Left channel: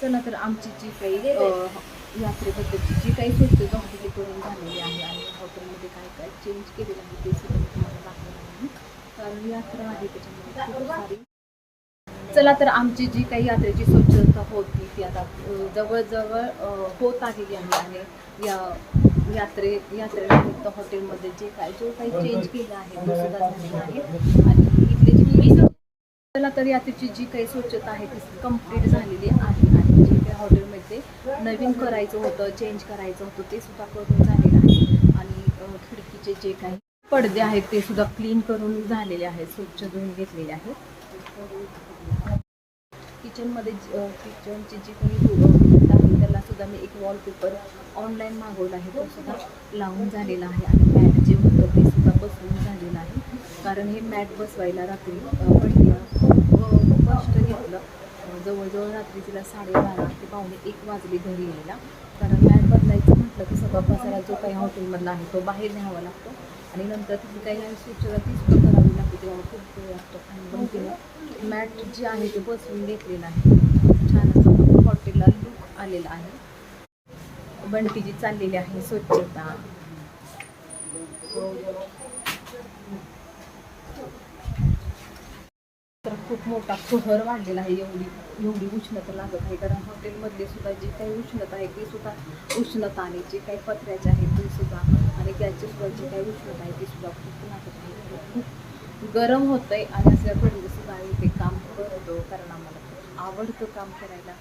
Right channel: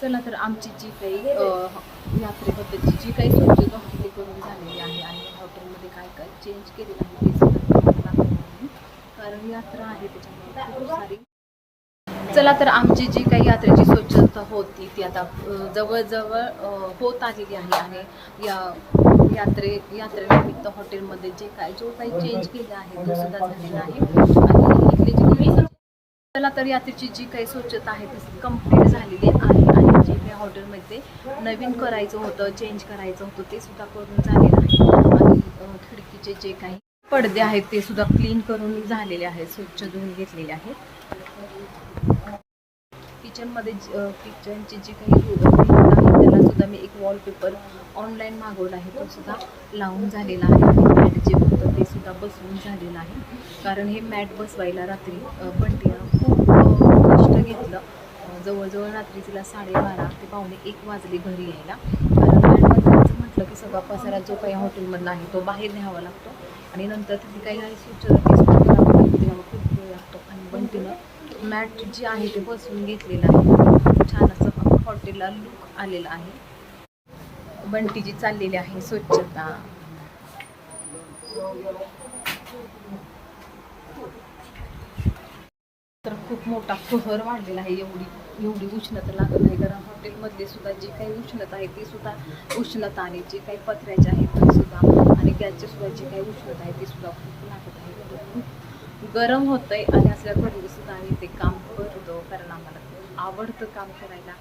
चला तर आमची जी काही अ, यात्रेबद्दलची जी काही स्वच्छता होती ती करून झालेली आहे आणि हॉटेलमध्ये काय काय चेंज केलेलं आहे ते सुद्धा कारण यात्रा आहे त्याच्यामुळे खूप सारी. चला तर आमची जी काही यात्रेची स्वच्छता होती ती आता जवळजवळ होत आलेली आहे आणि या यात्रे यात्रेनिमित्त हॉटेलमध्ये जे काय जो काही चेंज केलं आहे तो सुद्धा झालेला आहे. आणि इथले जे चला तर यात्रेची जी काही स्वच्छता आहे ती कंप्लीट झालेली आहे. हॉटेलमध्ये नवीन करायचं होतं चेंज करायचं होतं ते सुद्धा करून झालेलं आहे. आणि खिडकीचे जे काही पडदे आहेत ते सुद्धा क्लीन करून झालेले आहेत स्वच्छ धुवून घेतलेले आहेत. किचनमध्ये किचनचे जे काही आहे त्याला सुद्धा मी एक वॉलपेपर ऑनलाईन मागवला आहे तो सुद्धा लावून झालेला आहे. आणि मॅट जे होतं ते सुद्धा बसवून झालेलं आहे. कारण हे मॅट बसवायला रात्री बंटीनं खूप कष्ट घेतलं. जवळजवळ रात्री तिला साडेबारा ते पावणे एक वाजले घरी यायला. कारण मॅट म्हटलं की सगळा पसारा जो काही हॉटेलमधला आहे तो बाहेर न्यावा लागतो. आणि नंतर तिची काही काही स्वच्छता खूप वेळ लागतो. आणि बंटीनं मॅट जे आहे ते बसवून घेतलेलं आहे. छान असं हॉटेलला लुक आलेला आहे. बंटी जी चाललेली आहे स्वच्छता. तर खूप मोठा कहर वाढलेला आहे. एवढी एवढी उष्णता लागत आहे. कारण हॉटेलमधली सुद्धा जी काही उष्णता आहे ती सुद्धा उष्णता आणि जे काही पत्र्याचे आहेत ते सुद्धा आणि गॅसची सुद्धा जी काही उष्णता आहे ती सुद्धा खूप लागत आहे. खूप गरम होतंय आणि असल्या घरी सुद्धा आम्ही ते काम करतो. कारण आम्हाला खूप आवडतं काम करायला.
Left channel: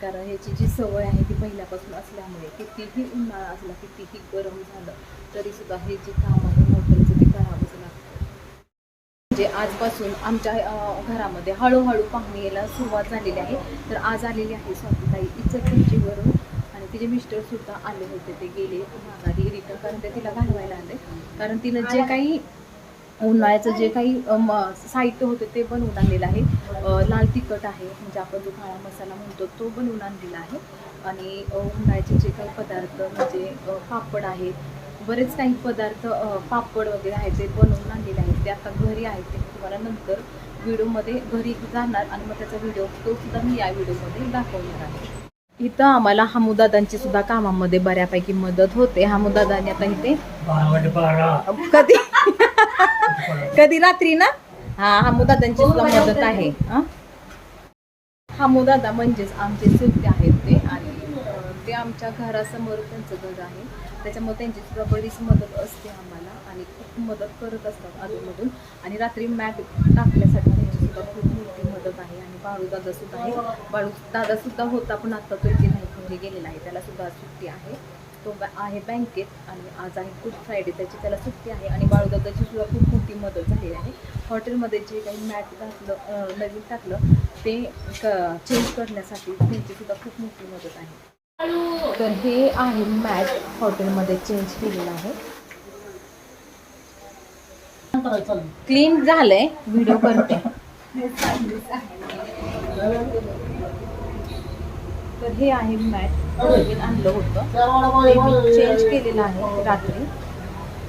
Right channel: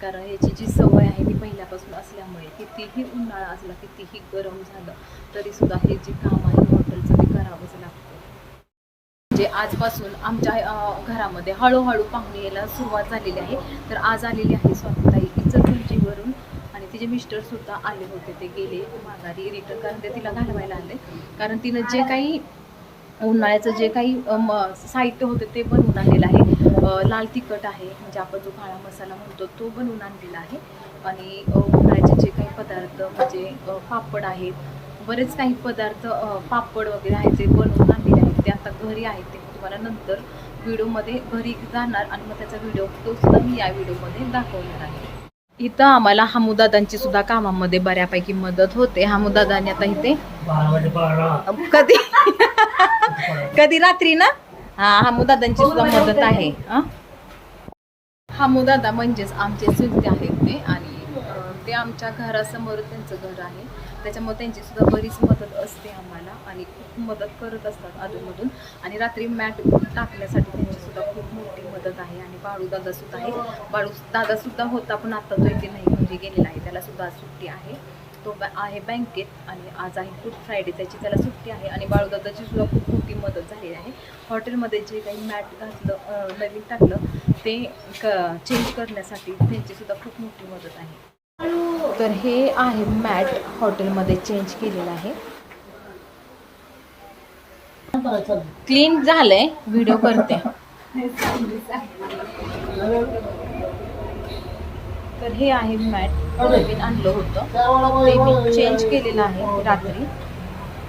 कारण ह्याची जी सवय आहे ती पहिल्यापासून असल्यामुळे कितीही उन्हाळा असला कितीही गरम झालं तरी सुद्धा हे जे काम आहे हॉटेलचं ते करावं म्हणजे आजपासून आमच्या घरामध्ये हळूहळू पाहुणे यायला सुरुवात झालेली आहे. तर आज आलेली आहे स्वातीताई इचलकरंजीवरून आणि तिचे मिस्टर सुद्धा आले होते. ते गेले माघारी रिटर्न कारण ते तिला घालवायला आले. कारण तिनं जे काही उन्हाळ्याचं जे काही म- साहित्य होतं ते बनवून आणलेलं आहे. लाल तिखट आहे म्हणजे आपण जो काळा मसाला म्हणतो तो बनवून आणलेला आहे. आणि उन्हाळ्याचे जे काही पदार्थ म्हणजे पापड आहेत बरेच काही पदार्थ पापड वगैरे आहेत ते बनवून आणलेले आहेत. ते आता घरी आहेत ते मी तुम्हाला नंतर व्हिडिओमध्ये घरी जाणार आणि मग त्याचा व्हिडिओ तो सुद्धा मी या व्हिडिओमध्ये दाखवणार आहे. इथं आम्हाला हमुदादांची सुद्धा कामामध्ये बऱ्यापैकी मदत होते. हामुदादांनी आता इथे कधी? कधी रात्री ना? हा हमुदादांची सुद्धा मदत आहे. हमुदादा म्हणजेच आमचे चुलते आहेत ते आणि ते आमच्या घरासमोर त्यांचं घर आहे. त्याच्यामुळे त्यांची सुद्धा बरीच मदत असते आम्हाला आणि खूप मदत करत असतात अधूनमधून आणि रात्री मॅट टाकण्यासाठी त्यांची सुद्धा खूप मोठी मदत आहे आणि बाळू दादा सुद्धा आहे बाळू दादा सुद्धा होता पण आता तो इथे नाही म्हणजे गेलेला आहे. त्याला सुद्धा सुट्टी आहे. तो आहे बँकेत आणि आज आहे गुड फ्रायडे त्याची त्याला सुट्टी आहे आणि बाळूदादाची सुद्धा खूप मोठी मदत झालेली आहे. हॉटेलमध्ये जे काही मॅट घातलं नवीन टाकलं ते क चेंज करण्यासाठी त्यांची सुद्धा खूप मोठी मदत आहे. तर हे आहे मॅट हॉटेलमध्ये चेंज केलेलं आहे. क्लीन झालंय व्हिडिओ करते. तर हे आहे मॅट नवीन आणलं होतं. ते मी चेंज केलेलं आहे रात्री.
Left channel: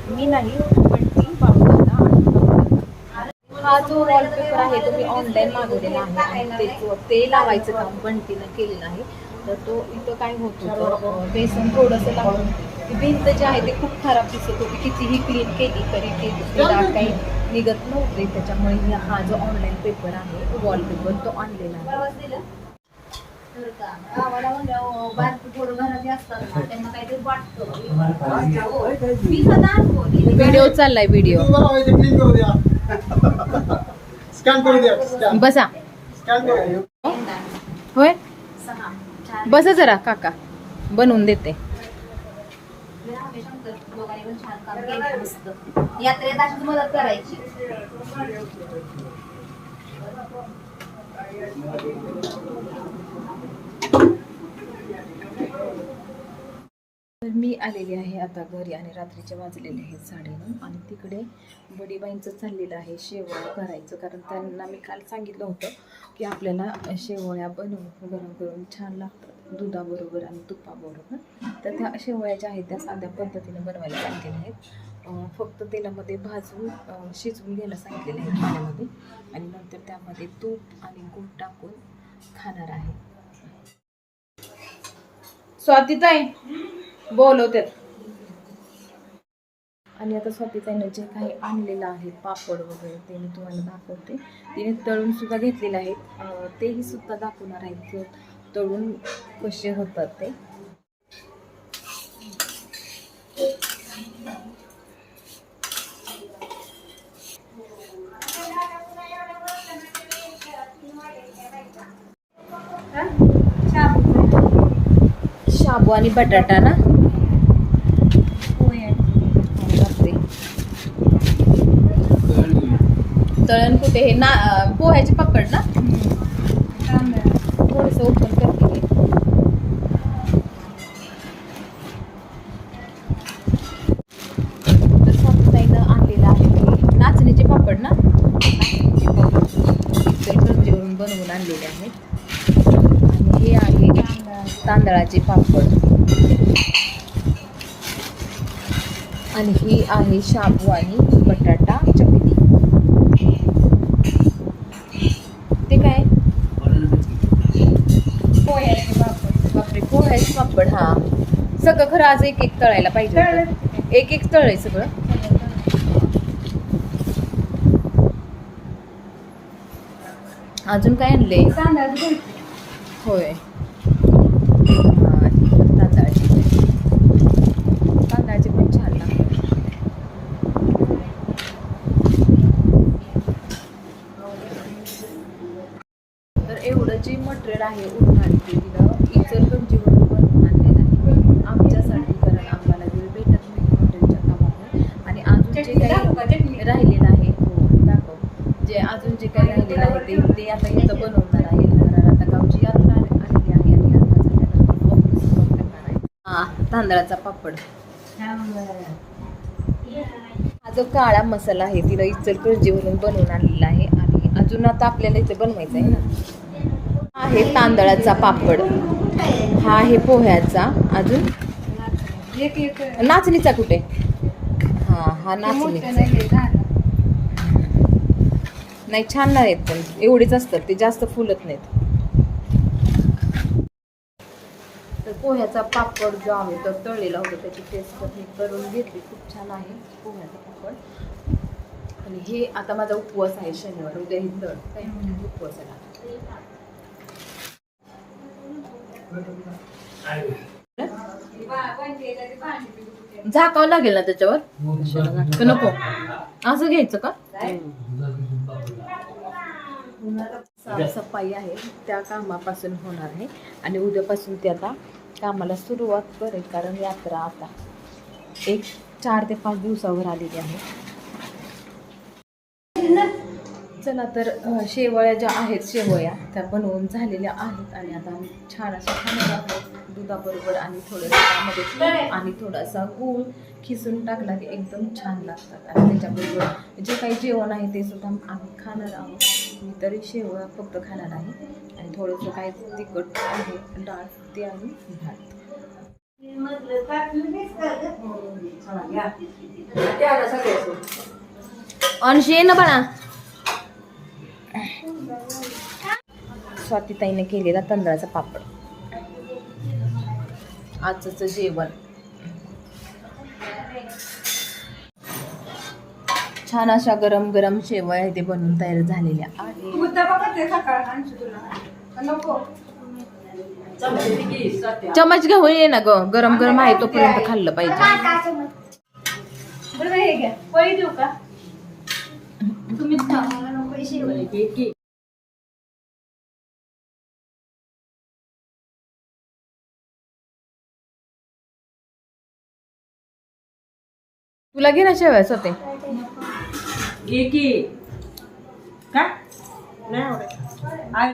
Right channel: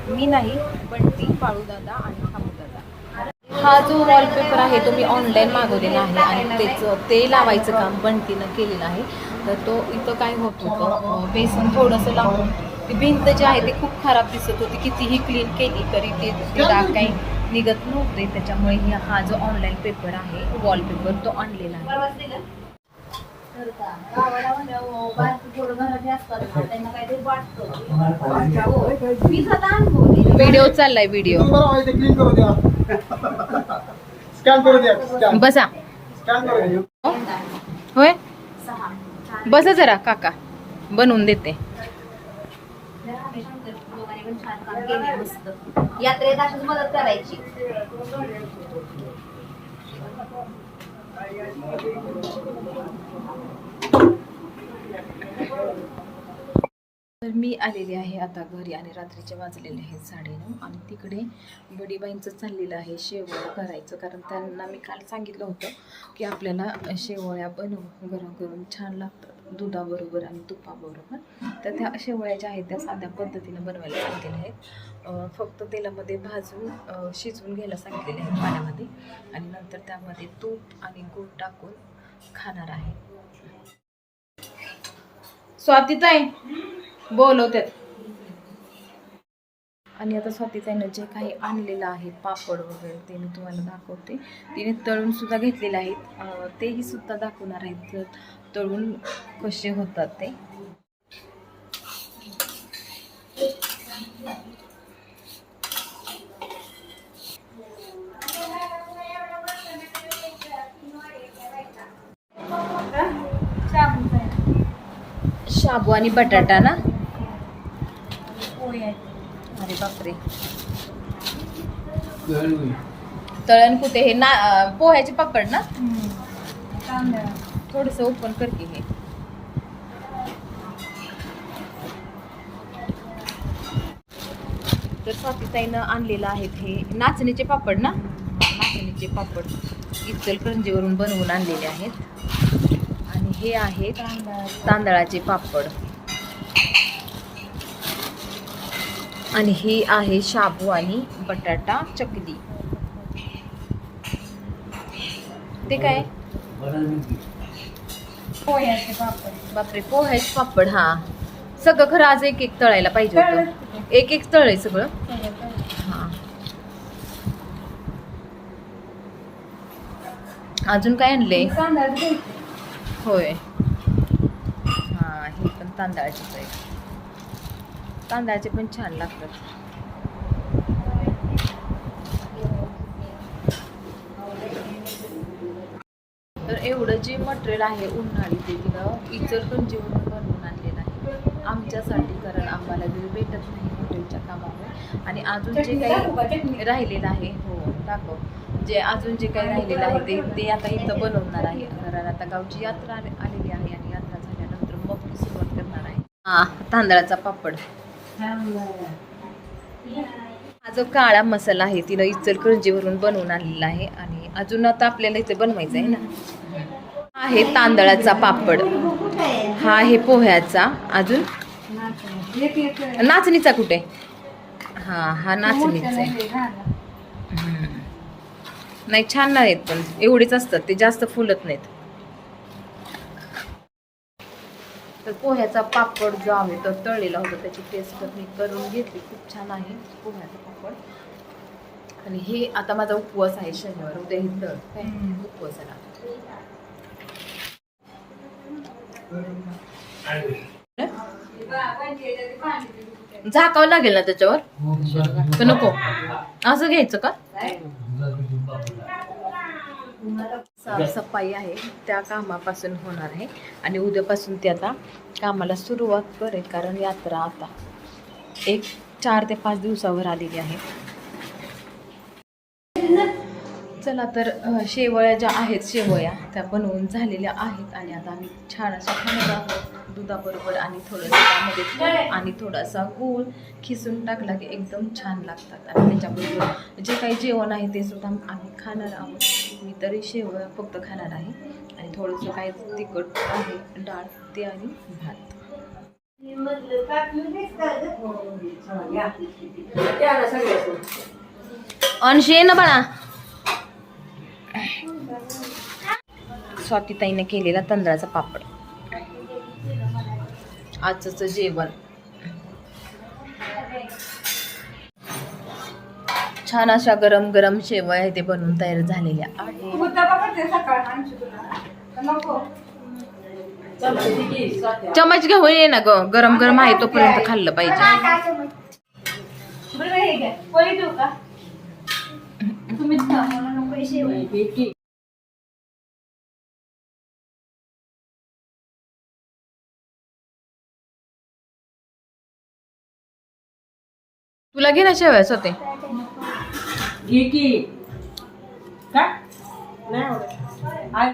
मी नाही पण ती बाळूदादा आणि दादा हा जो वॉलपेपर आहे तो मी ऑनलाईन मागवलेला आहे आणि त्याचं ते लावायचं काम बंटीनं केलेलं आहे. तर तो इथं काय होत होतं? बेसन थोडंसं लावून ती भिंत जी आहे ती खूप खराब दिसत होती. कितीही क्लीन केली तरी ते डाग काही निघत नव्हते. त्याच्यामुळे ही- हा जो ऑनलाईन पेपर आहे वॉलपेपर तो आणलेला आहे व्हिडिओ चाललाय व्हिडिओ बसा. स्कॅन करू द्या. होय? बसा जरा काका. बनवून देते. यात्रेत अशीच मदत करायची. तर मी आलेली आहे आता घरी आणि रात्रीचे वाजलेले आहेत साडेनऊ आणि तिकडे बडीबाईंचं चाललेलं आहे शेवळ करायचं. कारण त्यांना मी काल सांगितलं होतं की आपल्याला शेवळ्या बनवून गरम करून छान लागतात. दुधाबरोबर आणि तुपाबरोबर. तर त्या शेवळ्या ज्या आहेत त्या साध्या पद्धतीनं बनवायला सांगितलेल्या आहेत. फक्त तेलामध्ये भाजून शिजवून घ्यायला सांगितलेले आहेत पाण्यामध्ये. आणि नंतर त्यामध्ये तूप आणि गूळ टाकून खाणार आहे. स्वातीताई! बोलवतात आणि आता स्वातीताईनं जे काही आणलेलं आहे पापड वगैरे ते मी तुम्हाला दाखवते. तिने तळून सुद्धा घेतलेले आहेत. तेही सुद्धा दाखवणार आहेत तळून कसे होतात ते. शाबू आणि बटाटा ना अरे बापरे तळण. कुठे हे ना पोह्याचे पापड ना? थोडस ओपन करते मी. तर स्वातीताईनं आणलेलं आहे हे नाचणीचे पापड ना? नाचणीचे पापड. इचलकरंजीवरून बनवून आणलेले आहेत. आणि हे आहे तांदळाचे पापड. आणि ही आहे शाबू आणि बटाटा चकली. ते काय? बापरे पोह्याचे पापड हा. सगळं खरं आज एक एक तळायला पाहिजे होतं. एक एक तळय सगळं. हा. अजून काय आणले? होय. हा ही पण तांदळाचीच आहे. तांदळाचे पण छान लागतात. तर एवढं जे मटेरियल आहे उन्हाळी ते तिनं इचलकरंजीवरून बनवून आणलेलं आहे. आमच्यासाठी कारण आम्हाला वेळ भेटत नाही हॉटेलच्या कामामुळे. आणि अजून जे काही राहिलेलं आहे हो दाखव. जे अजून जे काही राहिलेलं आहे ते ते आता इथं बनवणार आहे. कारण आता गावची यात्रा आले- आलेली आहे आणि यात्रा झाल्यानंतर सुरुवात करणार आहे. हा तांदळाचा पापड. हा जो काळा मसाला आहे तिनं इचलकरंजीवरून बनवून आणलेला आहे आणि अजून आता आपल्याला इथे बनवायचं आहे ना. हा आहे तांदळाचा पापड. हा आहे पोह्याचा. अजून? नाचणीचा कुठे? हा हा नाचणीचा नाही छान नाहीत पण. एवढेच असतात ते जास्त फुलत नाहीत तर पोह्याचा पापड जो आहे तो तळलेला होता त्याची टेस्ट मी करून घेतली. खूप छान आहे पोह्याचा पापड. आणि हे आता माझा उपवास आहे शनिवार उद्या हे तळ. काय? उपवासाला झाकावं लागेल ना त्याच्यावर? का नको. असं घ्यायचं का? साफसफाई आहे त्या कामापासून होणार आहे. आणि उद्यापासून ते आता कामाला सुरुवात करेल कारण यात्रा आता एक चार ते पाच दिवसावर आलेली आहे. चला तर अ, शेवया ज्या आहेत शेवया त्या बनवून झालेल्या आहेत. आणि आता आम्ही छान अशा खाणार आहोत. दुधाबरोबर आणि थोडंसं त्यामध्ये आणि थोडासा गूळ खिसून टाकला की एकदम छान लागतात. आणि त्याच्याबरोबर जे काही जेवण आहे ते सुद्धा आम्ही खाणार आहोत. मी तरी शेवया फक्त खाणार आहे. आणि थोडंसं काय तिखट आहे डाळ ते आणि भात. अंशी ये ना बाळा. स्वातीताईने केलेला तांदळाचा पापड. आजचं जेवण. छान अशा गरम गरम शेवया ते बनवून तयार झालेल्या आहेत. चमच घेऊन ये ना ग. गरम गरम आहे तोपर्यंत खाल्लं पाहिजे. तुला घे ना शेवया स्वतः घे की काय? नाही आवडत.